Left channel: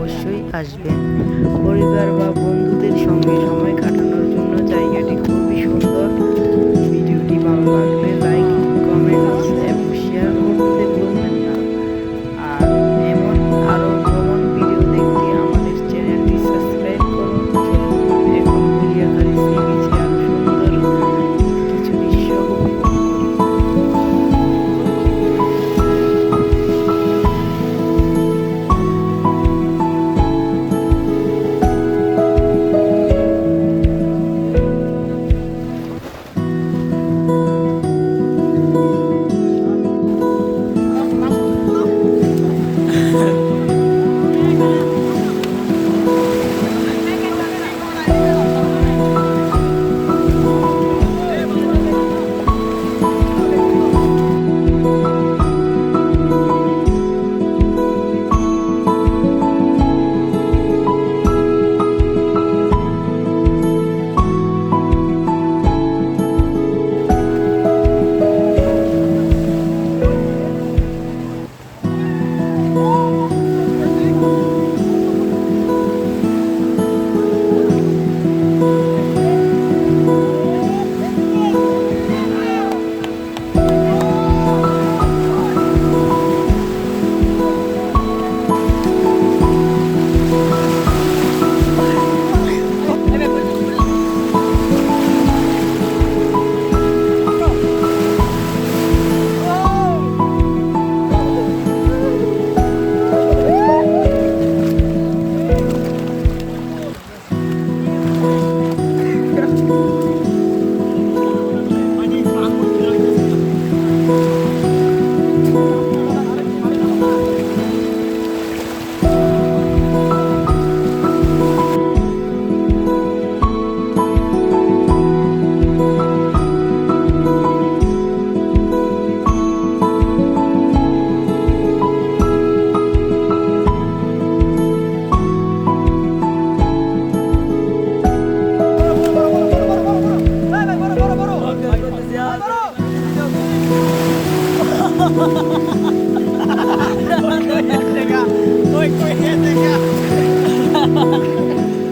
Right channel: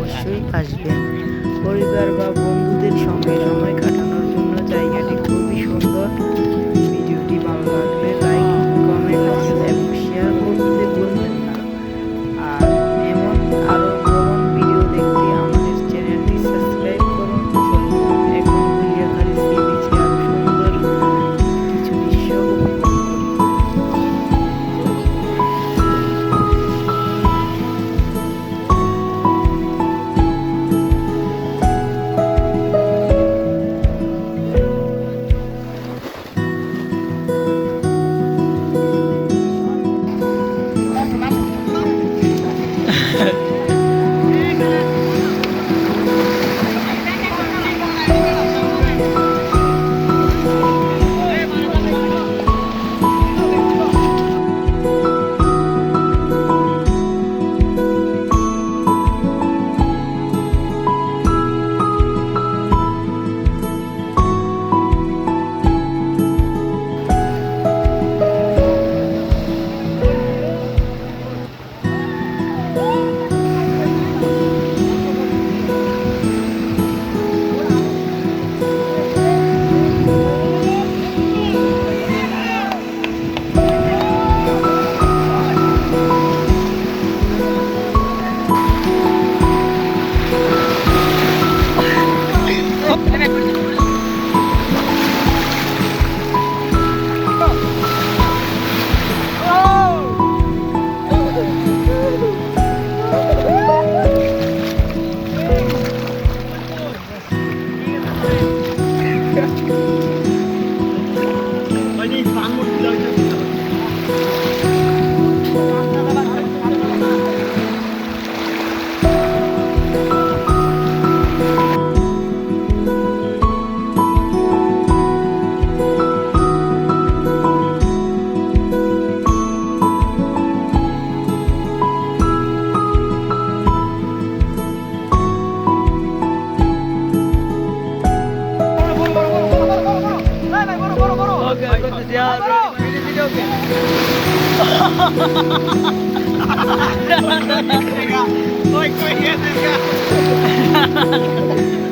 অবশ্যই আসবেন। পরিবার বা বন্ধুদের সঙ্গে সময় কাটানোর জন্য জায়গাটি খুবই সুন্দর। ভিডিওটি ভালো লাগলে লাইক, কমেন্টস এবং শেয়ার করতে ভুলবেন না। আর এমন আরও ভ্রমণ ভিডিও দেখতে আমাদের চ্যানেলটি সাবস্ক্রাইব করুন। চলুন এখন গুলিয়াখালী সি বিচে আরও সুন্দর কিছু দৃশ্য উপভোগ করি।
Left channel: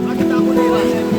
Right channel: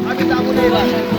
আমি যাবো না এবার।